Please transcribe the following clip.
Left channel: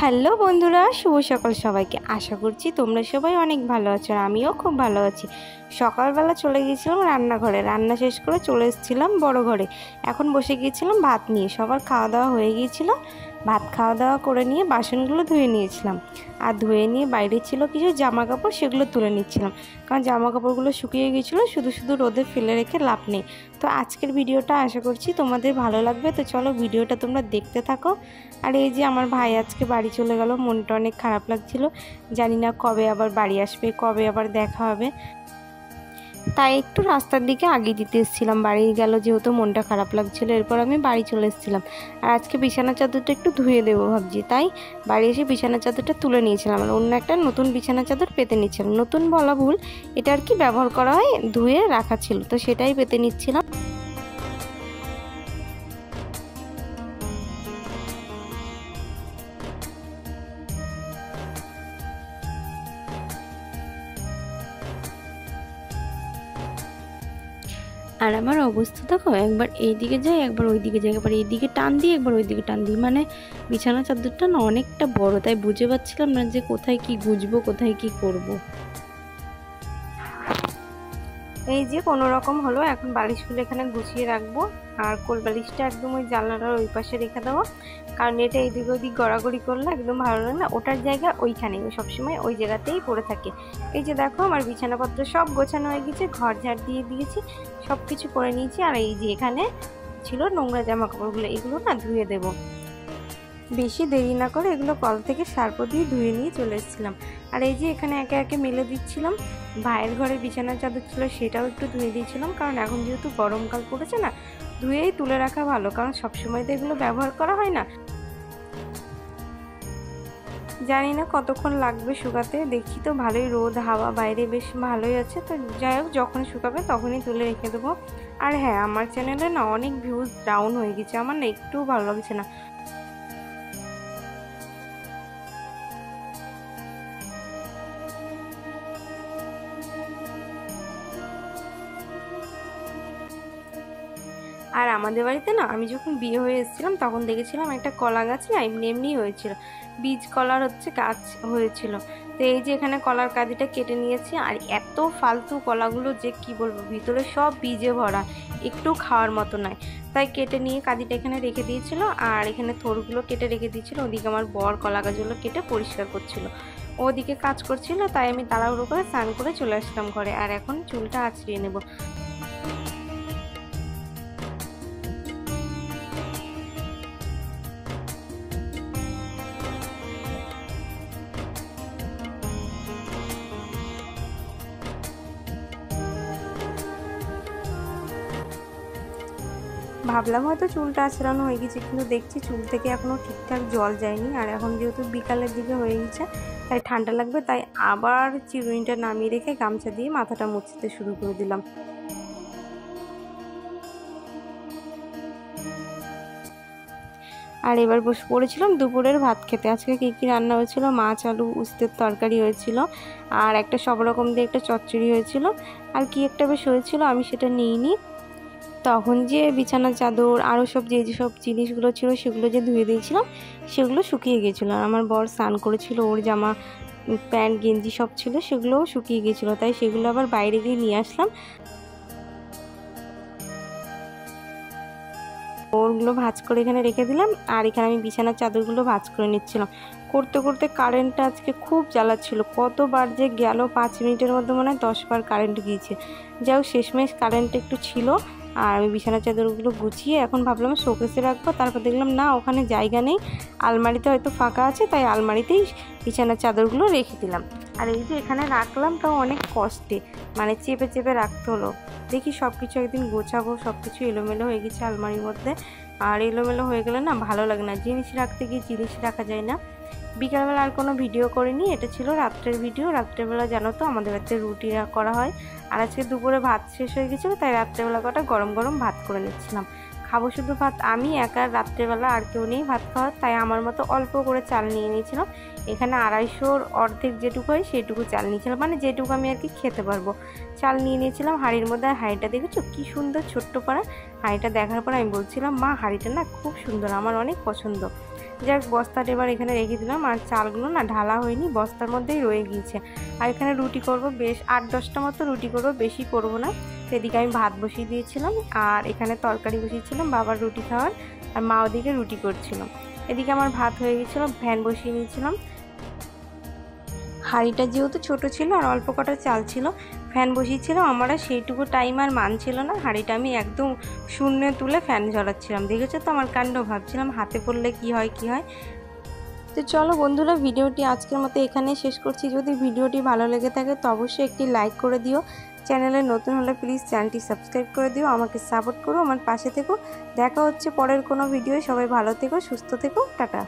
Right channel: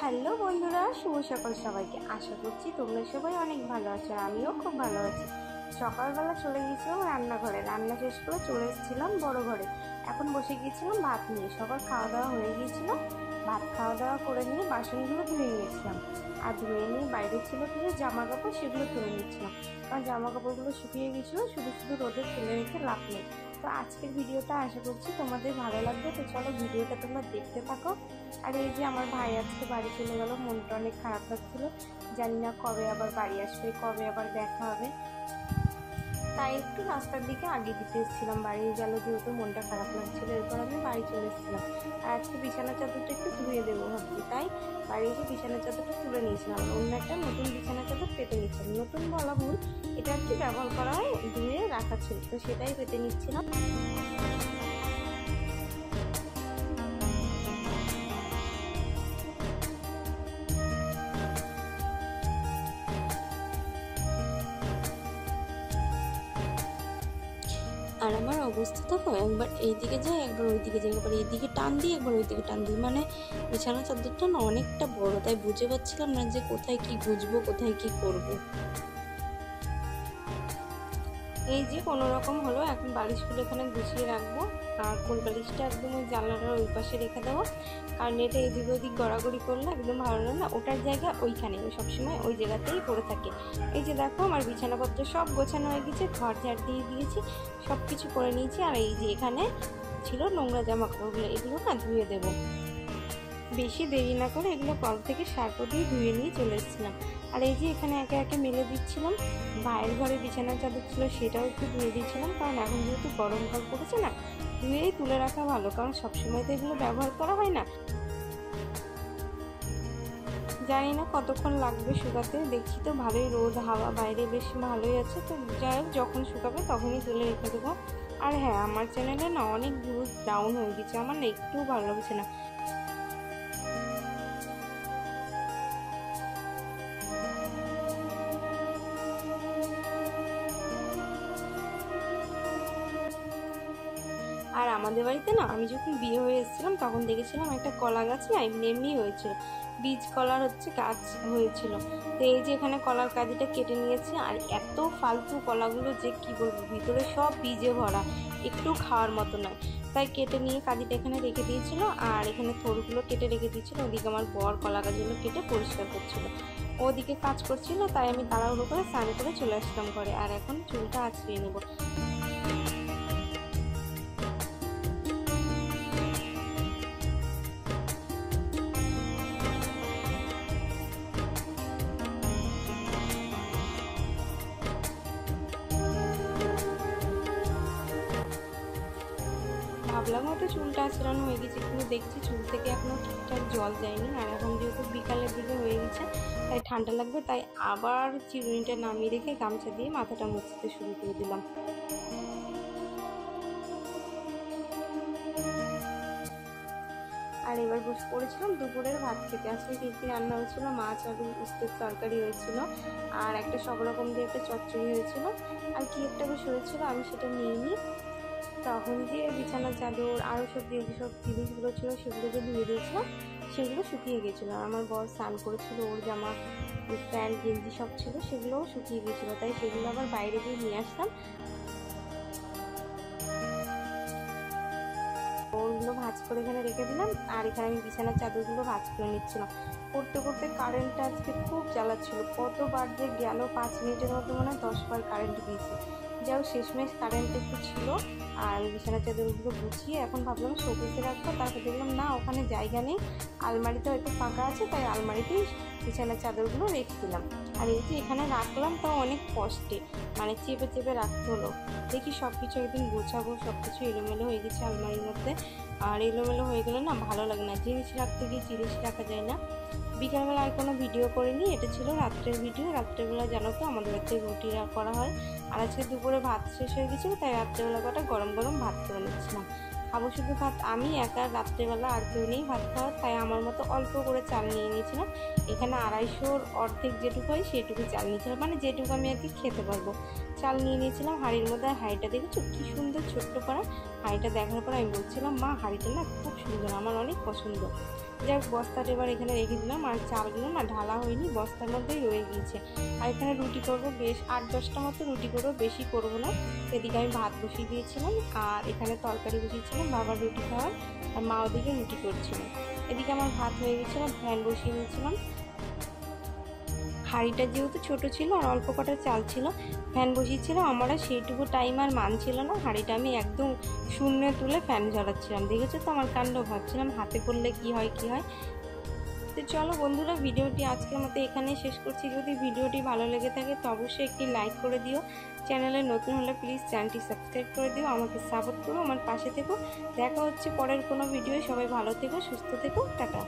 Hello বন্ধুরা, শুভ সকাল সবাইকে। আশা করছি তোমরা সবাই অনেক ভালো আছো, আর আমিও খুব ভালো আছি। সকালবেলা চলে গিয়েছিলাম রান্নাঘরে, রান্না শেষ করে চলে এসেছিলাম বড় ঘরে। এখন বসে গিয়েছিলাম ভাত নিয়ে। সবার খাওয়া দাওয়া হয়ে গিয়েছিল। ভাত খাওয়া দাওয়া করে নিয়ে বাসনগুলো ধুয়ে নিয়েছিলাম, আর ধুয়ে নিয়ে বাইরে ছিল কিছু জামা কাপড়, সেগুলো তুলে নিচ্ছিলাম। কারণ জামা কাপড়গুলো শুকিয়ে গিয়েছিলো, শুধু শুধু রোদে ফেলে রেখে লাভ নেই। তো আজকের ভিডিওটা আশা করছি তোমাদের ভালো লাগবে। তো চলো ভিডিওটা তোমরা দেখতে থাকো। আর এই যে আমার ভাই আজকে বাড়ি চলে গেল, মনটা অনেক খারাপ লাগছিল। জানি না কবে আবার বাড়ি আসবে, কবে আবার দেখা হবে। তাই একটু রাস্তার দিকে আগে দিতে এসেছিলাম। বাড়ি গেল যেহেতু মনটা খারাপ লাগছিল, এরপর আমি বাড়ি চলে এসেছিলাম। আর আজকে বিছানা চাদরটা একটু ধুয়ে দেবো ভাবছি, তাই বাড়ি এসে বিছানা চাদরটা তুলে নিয়েছিলাম। আর অন্য একটা নতুন বিছানা চাদর পেতে নিচ্ছিলাম। নতুন বলা ভুল, এটা আর কি ব্যবহার করা হয়, ধুয়ে রাখা ছিল, তো সেটাই পেতে নিচ্ছিলাম। আর আমার অবস্থা দেখো, একবার এইদিকে যাই, একবার ওইদিকে যাই, একবার এইদিকে টান দিই, একবার ওইদিকে টান দিই। মানে বিছানা চাদরটা না অনেকটা বড়, তাই বুঝে পাচ্ছিলাম না যে কোথায় কি গুজবো, কোথায় কি করব। এই যে কোনো রকম হলো, এখন বালিশগুলো এখানে গুছিয়ে রাখবো। আর কোল বালিশটা একদম ওই জানলাটার ওই পাশে রেখে দেবো, কারণ এটা এদিক ওদিক গড়াগড়ি করলে একদম ভালো লাগে না। ওটার জায়গা ওইখানেই, সবসময় ওই জায়গাতেই পড়ে থাকে। এই যে দেখো আমার বিছানাপত্র সব গোছানো হয়ে গেছে, ঘর ঝাড় দিয়ে দিয়েছি, সব কিছু করে নিয়েছি। আর এই যে এখানে ছিল নোংরা জামা কাপড়গুলো, এগুলো না ধুয়ে দেবো। বেশি দেরি না করে এগুলো কল থেকে সার্ফ দিয়ে ধুয়ে নিয়ে চলে এসেছিলাম। আর এই যে এখানে একে একে মেলে দিচ্ছিলাম। ভাইয়ের ঘরে বিছানার চাদর ছিল, সেটাও একটু ধুয়ে দিয়েছিলাম, কারণ এখন যেহেতু গরমকাল পড়েছে না, ধুয়েই তুলে রাখা ভালো, কারণ সবসময় তো এগুলো ব্যবহার করা হয় না। জানি না কতক্ষণ লাগবে শুকাতে, দেখছি তো ভালোই রোদ হাওয়া বাইরে বেশ ভালোই আছে। তো যাই হোক, যখন শুকাবে তখনই তুলে রেখে দেবো। আর হ্যাঁ, আমার চ্যানেলে না অনেক ভিউজ ডাউন হয়ে গেছে, আমার না একটুও ভালো লাগছে না। আর আমাদের বাড়িতে না আমি যখন বিয়ে হয়ে এসেছিলাম তখন দেখেছিলাম একটা কলা গাছ না এমনি এমনি হয়েছিল, বীজ কলার গাছ হয়েছিল। তো এই যে এখানে কলার কাঁদিটা কেটে নিয়েছি। আর এত ফালতু কলাগুলো যে কি বলবো, ভিতরে সব বীজে ভরা, একটু খাওয়ার মতো নয়। তাই কেটে নিয়ে কাঁদিটা এখানে রেখে দিয়েছিল, আর এখানে থোড়গুলো কেটে রেখে দিয়েছিল। ওদিকে আমার বর কলা গাছগুলো কেটে পরিষ্কার করছিল, ওদিকে কাজ করছিল। তাই আমি তাড়াহুড়ো করে স্নান করে চলে আসলাম ঘরে। আর এখন চুলটা আঁচড়িয়ে নেব। ভাবলাম হয়তো চুলটা আঁচড়ানো হয়ে গেছে, কিন্তু দেখছি চুল থেকে এখনও ঠিকঠাক জল যায়নি। আর এখন যেহেতু বিকালের দিকে হয়ে গেছে, তাই ঠান্ডা লাগবে, তাই আবার চিরুনিটা নামিয়ে রেখে গামছা দিয়ে মাথাটা মুছতে শুরু করে দিলাম। আর এবার বসে পড়েছিলাম দুপুরের ভাত খেতে। আজকে কী কী রান্না হয়েছিল, মাছ আলু উস্তের তরকারি হয়েছিল, আর একটা সব রকম দিয়ে একটা চচ্চড়ি হয়েছিল, আর কি একটা বেশ হয়েছিল, আমি সেটা নিইনি। তখন যে বিছানার চাদর আরও সব যেসব জিনিসগুলো ছিল সেগুলো যে ধুয়ে দিয়েছিলাম, সেগুলো শুকিয়ে গিয়েছিলো। আর আমার বর স্নান করেছিল, ওর জামা প্যান্ট গেঞ্জি সব ছিল, সেগুলোও শুকিয়ে গিয়েছিলো, তাই সেগুলো আবার বাইরে দিয়ে নিয়ে আসলাম। ওরগুলো ভাঁজ করে এখানে রেখে দিলাম। আর এখানে আমি বিছানার চাদরগুলো ভাঁজ করে নিচ্ছিলাম। করতে করতে কারেন্টটা আজকে খুব জ্বালাচ্ছিল, কতবার যে গেল, 5 মিনিটের মধ্যে মনে হয় 10 বার কারেন্ট গিয়েছে। যাই হোক, শেষমেশ কারেন্ট একটু ছিল। আর আমি বিছানার চাদরগুলো গুছিয়ে এখন ভাবলাম শোকেসে রাখবো, তারপর দেখলাম না, ওখানে জায়গা নেই, আলমারিতে হয়তো ফাঁকা আছে, তাই আলমারিতেই বিছানার চাদরগুলো রেখে দিলাম। আর এই যে এখানে রাখলাম, তাও অনেক কষ্টে, মানে চেপে চেপে রাখতে হলো। দেখি সব কিছু একদিন গোছাবো। সব কিছু এলোমেলো হয়ে গেছে আলমারির মধ্যে, আর এলোমেলো হয়ে গেলে না ভালো লাগে না, জিনিস রাখতে গিয়ে জিনিস রাখা যায় না। বিকালবেলা আর কোনো ভিডিও করিনি, এটা ছিল রাত্রের ভিডিও। রাত্রেবেলা জানো তো আমাদের বাড়িতে রুটি করা হয়, আর আজকে দুপুরে ভাত শেষ হয়ে গেছিলো, তাই রাত্রেবেলা কটা গরম গরম ভাত করে নিচ্ছিলাম। খাবো শুধু ভাত আমি একা, রাত্রেবেলা আর কেউ নেই ভাত খাওয়ার, তাই আমার মতো অল্প করে চাল নিয়ে নিয়েছিলাম। এখানে 250-র অর্ধেক যেটুকু হয় সেটুকু চাল নিয়েছিলাম, মানে যেটুকু আমি আর কি খেতে পারবো চাল নিয়ে নিয়েছিলাম হাঁড়ির মধ্যে। আর হাঁড়িটা দেখেছো কি সুন্দর ছোট্ট পাড়া। হাঁড়িটা দেখার পর আমি বলছিলাম, মা হাঁড়িটা না খুব সুন্দর, আমার অনেক পছন্দ। যাক বস্তাটা এবার এখানে রেখে দিলাম। আর চালগুলো না ঢালা হয়নি, বস্তার মধ্যেই রয়ে গিয়েছে। আর এখানে রুটি করব, বেশ 8-10টা মতো রুটি করব, বেশি করব না। এদিকে আমি ভাত বসিয়ে দিয়েছিলাম আর এখানে তরকারি বসিয়েছিলাম বাবার রুটি খাওয়ার, আর মা ওদিকে রুটি করছিলাম। এদিকে আমার ভাত হয়ে গেছিলো, ফ্যান বসিয়ে নিয়েছিলাম। হাঁড়িটা যেহেতু ছোট ছিল আর অল্প কটা চাল ছিল, ফ্যান বসিয়েছিলাম। আমার সেইটুকু টাইম আর মানছিল না, হাঁড়িটা আমি একদম শূন্যে তুলে ফ্যান জ্বালাচ্ছিলাম। দেখেছো তো আমার কাণ্ড, ভাবছিলাম হাতে পড়লে কি হয়। তো চলো বন্ধুরা, ভিডিওটি আজকের মতো এখানে শেষ করছি। যদি ভিডিওটি ভালো লেগে থাকে তো অবশ্যই একটি লাইক করে দিও। চ্যানেলে নতুন হলে প্লিজ চ্যানেলটি সাবস্ক্রাইব করে দিও, আমাকে সাপোর্ট করো, আমার পাশে থেকো। দেখা হচ্ছে পরের কোনো ভিডিও। সবাই ভালো থেকো, সুস্থ থেকো, টাটা।